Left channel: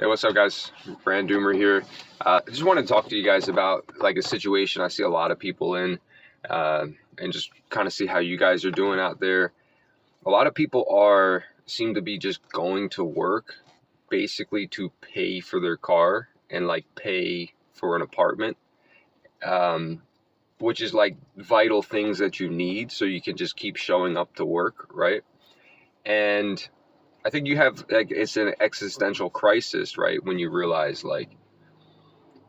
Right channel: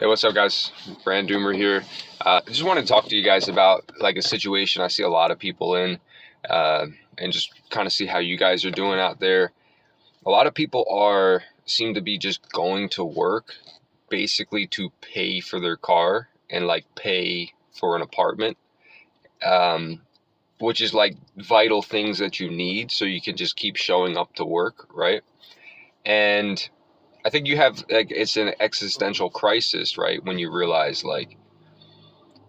Hey, what's up, guys? Brand Doomer here. I just want to talk to you guys about like a situation I see a lot of people in, and just kind of see how you guys are doing out there. A lot of people seem to be just going to work basically to pay for their car and like pay for an apartment, um, which is like vital things that you need so you can just keep showing up to work, right? And I think you have like it's an existential crisis, right? When you realize like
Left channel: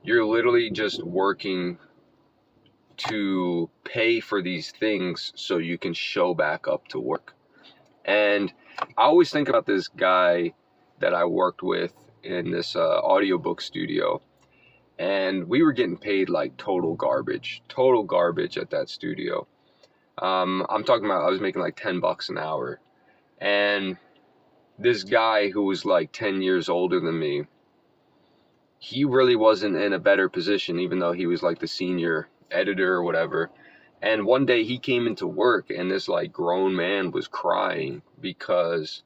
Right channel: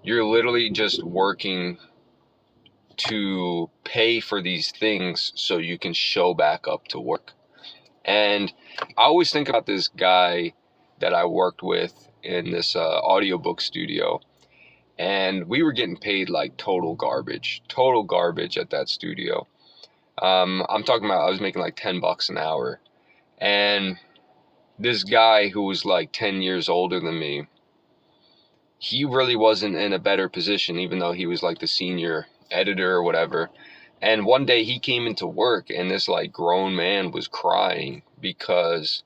you're literally just working to pay for these things so you can show back up to work. And I always think about this guy that I worked with in this audiobook studio, and we were getting paid like total garbage at that studio. I'm talking about I was making like $10 an hour, and this guy who was like 10 years older than me, he really wasn't in a better position, even though he was like the senior editor or whatever. And one day he came into work and this like grown man was crying because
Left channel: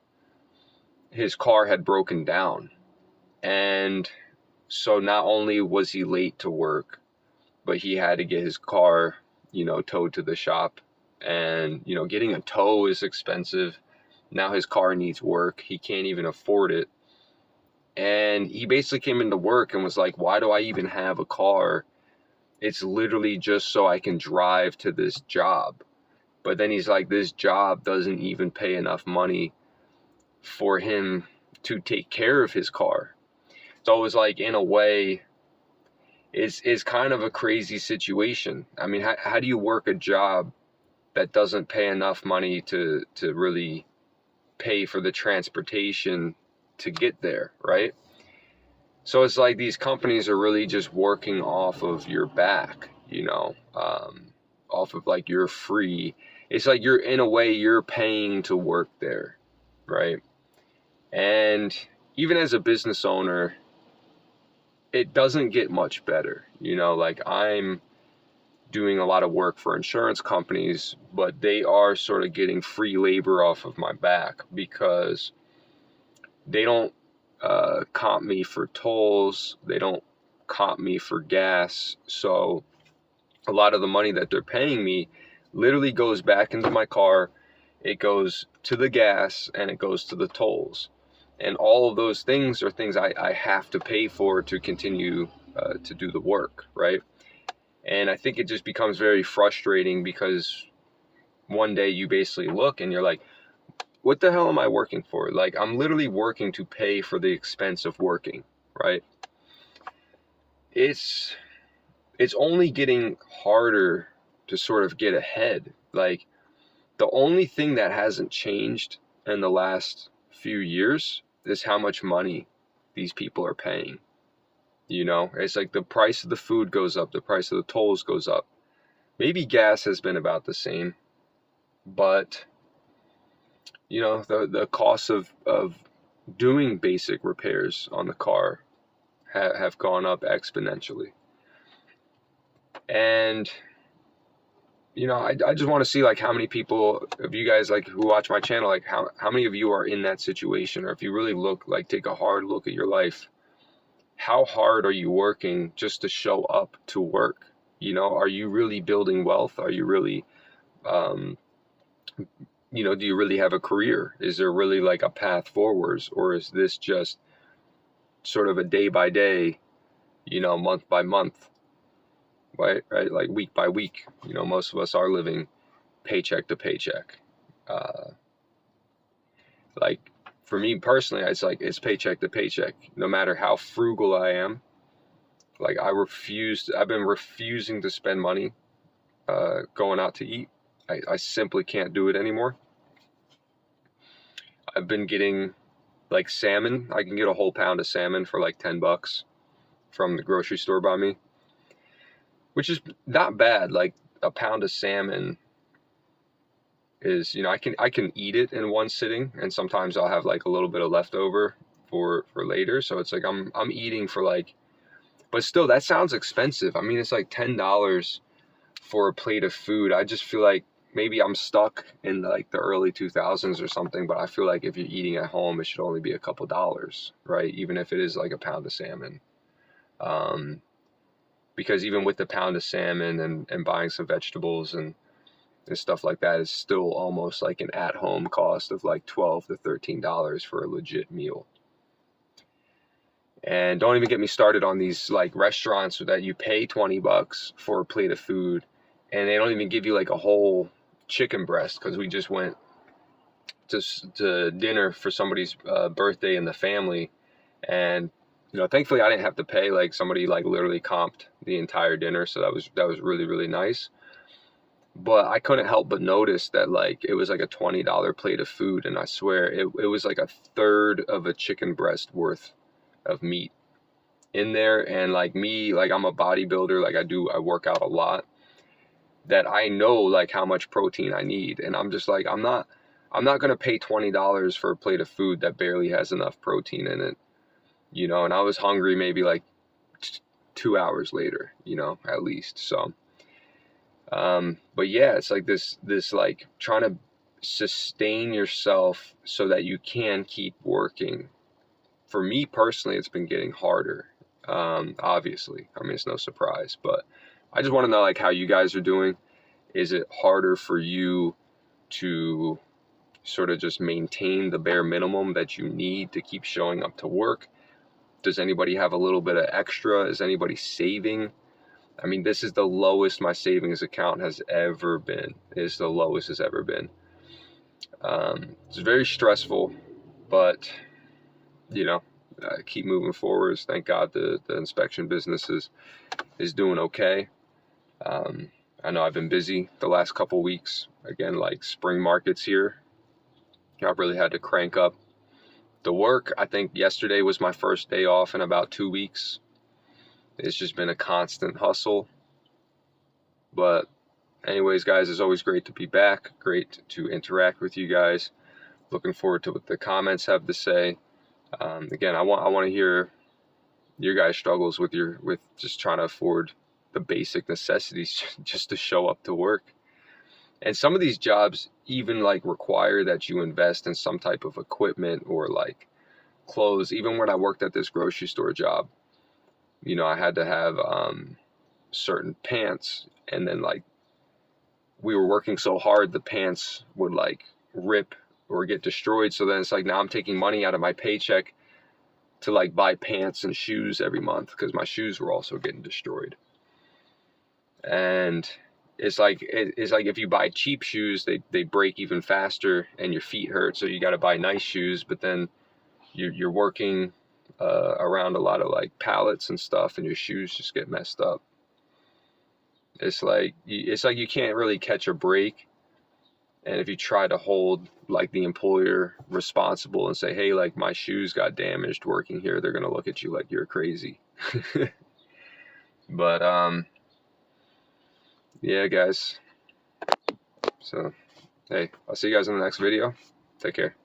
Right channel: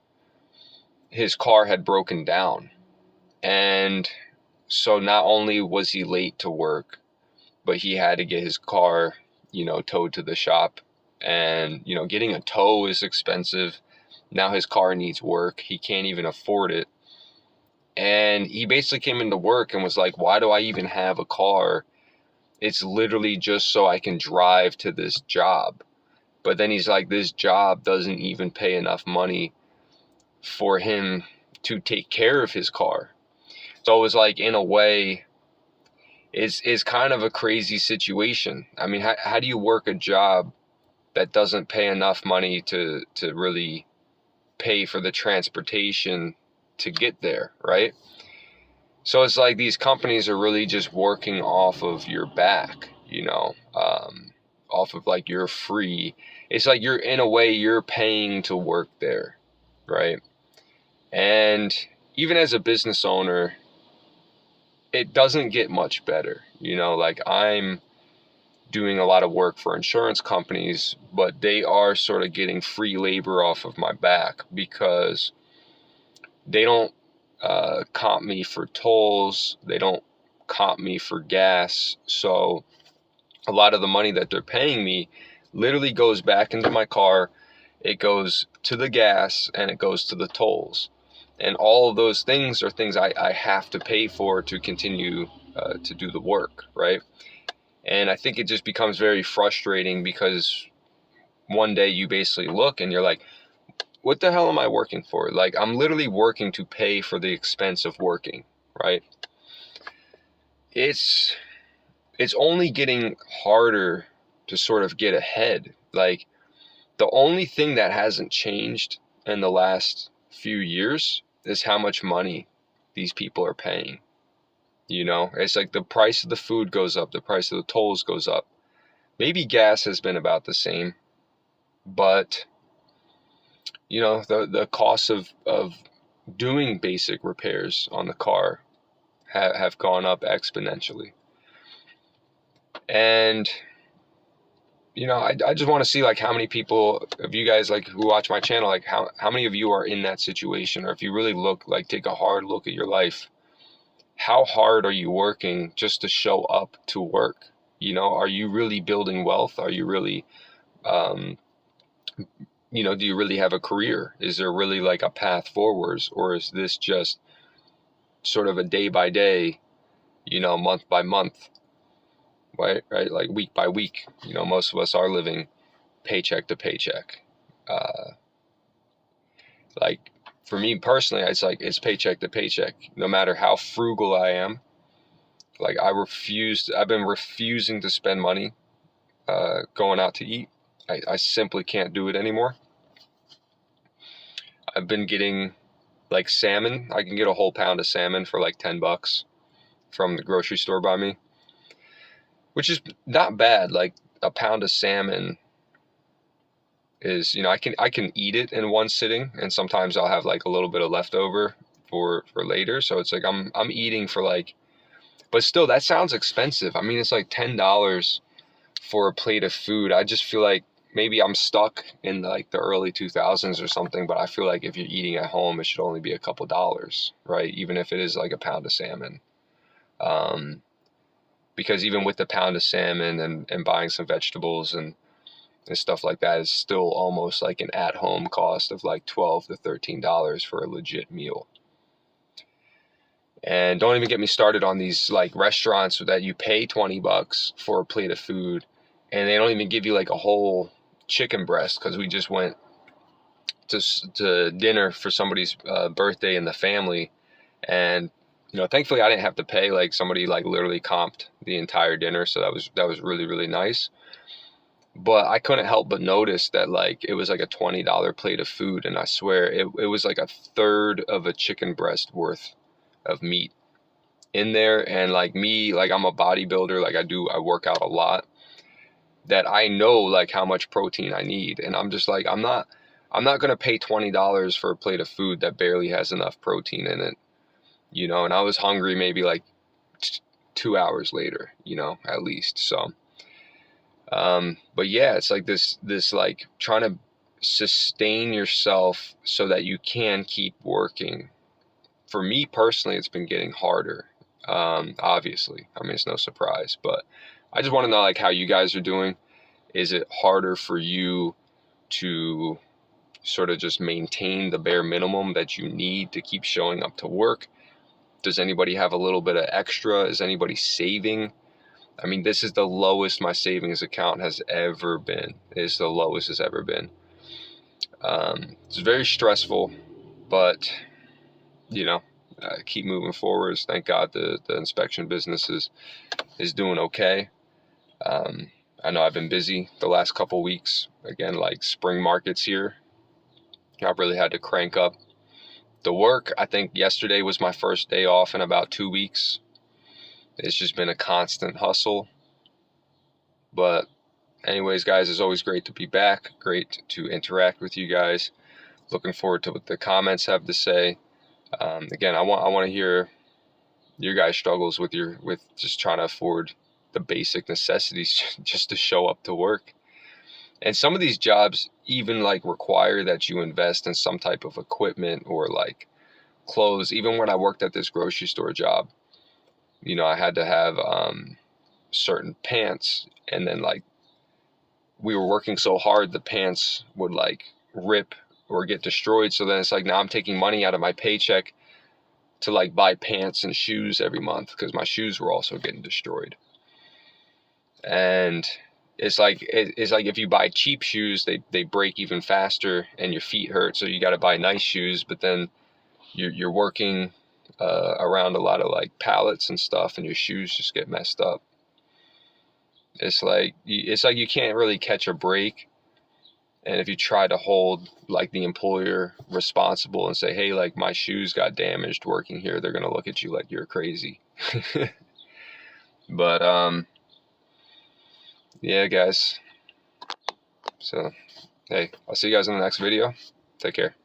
his car had broken down. And so not only was he late to work, but he had to get his car, towed to the shop. And, getting a tow is expensive. Now his car needs work. He can't even afford it. And he basically came into work and was like, why do I even have a car? It's literally just so I can drive to this job. But then he's like, this job doesn't even pay enough money for him to take care of his car. So it was like, in a way, it's kind of a crazy situation. I mean, how do you work a job that doesn't pay enough money to really pay for the transportation to get there, right? So it's like these companies are really just working off of your back, off of like your free. It's like you're, in a way, you're paying to work there, right? And even as a business owner, it doesn't get much better. Like I'm doing a lot of work for insurance companies, but they are sort of getting free labor off of my back because they don't comp me for tolls. They don't comp me for gas. So a lot of the money that they're paying me literally goes back into my car. It goes to the gas and it goes to the tolls. And all of those things are things I have to pay for to continue to do the work, right? And I think it just becomes very frustrating because one day you basically look and you're like, what the hell am I working for? Like, I'm literally working to pay for the expense of working, right? It's only getting harder to sort of get ahead. Like, the only thing that hasn't changed in the last few years is how much money these people are paying. It's like the price of the food goes up, the price of the tolls goes up. Maybe gas has been about the same, but the cost of doing basic repairs on the car have gone up exponentially. And I just want to see like how many people of you guys like who watch my channel, like how many of you are in that situation, or if you really take a hard look at your life, how hard are you working just to show up to work? Are you really building wealth? Are you really um, do you really have a career? Is there really like a path forwards, or is this just sort of a day by day, month by month, right? Like week by week. Most of us are living paycheck to paycheck. Uh, like for me personally, it's paycheck to paycheck. No matter how frugal I am, like I've been refusing to spend money going out to eat. I simply can't do it anymore. I've been getting like salmon. I can get a whole pound of salmon for like $10 from the grocery store by me, which is not bad. Like a pound of salmon is, I can eat it in one sitting, and sometimes I'll have like a little bit of leftover for later. So it's like I'm eating for like, but still that sounds expensive. I mean, it's like $10 for a plate of food. I just feel like maybe I'm stuck in like the early 2000s or something, but I feel like if you're eating at home, it should only be a couple dollars, right? Even if it is like a pound of salmon. Because even with the pound of salmon and buying some vegetables and stuff like that is still almost like an at-home cost of like $12 to $13 for a legit meal. And don't even get me started on these like restaurants that you pay $20 for a plate of food and they don't even give you like a whole chicken breast, because we just went to dinner for somebody's birthday in the family, and thankfully I didn't have to pay. Like somebody like literally comped the entire dinner, so that was really, really nice. But I couldn't help but notice that like it was like a $20 plate of food, and I swear it was like a third of a chicken breast worth of meat in there. And like me, like I'm a bodybuilder, like I work out a lot, that I know like how much protein I need, and I'm just like I'm not gonna pay $20 for a plate of food that barely has enough protein in it, and I was hungry maybe like 2 hours later, at least. So but yeah, it's like this like trying to sustain yourself so that you can keep working. For me personally, it's been getting harder. Obviously, I mean, it's no surprise, but I just want to know like how you guys are doing. Is it harder for you to sort of just maintain the bare minimum that you need to keep showing up to work? Does anybody have a little bit of extra? Is anybody saving? I mean, this is the lowest my savings account has ever been. It's the lowest it's ever been. It's very stressful, but keep moving forwards. Thank God the inspection business is doing okay. I know I've been busy the last couple weeks. Again, like spring markets here, I've really had to crank up the work. I think yesterday was my first day off in about 2 weeks. It's just been a constant hustle. But anyways, guys, it's always great to be back. Great to interact with you guys. Looking forward to what the comments have to say. Again, I want to hear your guys' struggles with just trying to afford the basic necessities just to show up to work. And some of these jobs even like require that you invest in some type of equipment or like clothes. Even when I worked at this grocery store job, I had to have certain pants, and then like we were working so hard, the pants would like rip or get destroyed. So then it's like now I'm taking money out of my paycheck to like buy pants and shoes every month because my shoes were also getting destroyed. And it's like if you buy cheap shoes, they break even faster and your feet hurt. So you got to buy nice shoes, but then you're working around a lot of like pallets and stuff, and your shoes just get messed up. It's like you can't really catch a break. And if you try to hold like the employer responsible and say, hey, like my shoes got damaged working here, they're gonna look at you like you're crazy. But yeah, guys. So hey, I'll see you guys in the next video. Take care.